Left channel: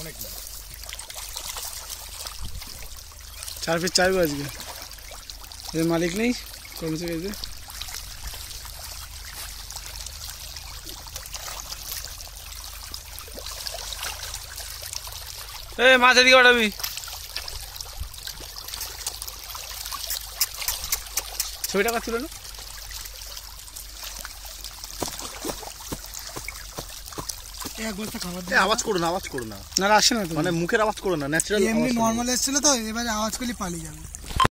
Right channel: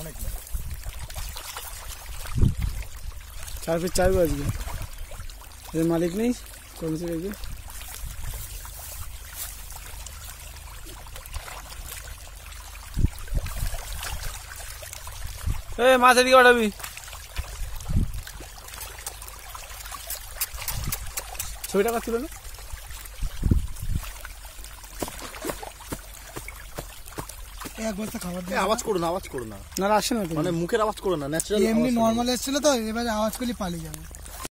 অনেক 4 ফিট 4 আজকে এর মালিক নেই কর্মচারী আছে মাছ এদিকে ওঠাবি ছবিটা কাটছিল না আওয়াজ করো না না আসে না তো মানে মুখের আওয়াজ করো না ন্যাচারাল এমনি নরমাল এসেছিল তো এবারে আওয়াজ করলে পালিয়ে যাবে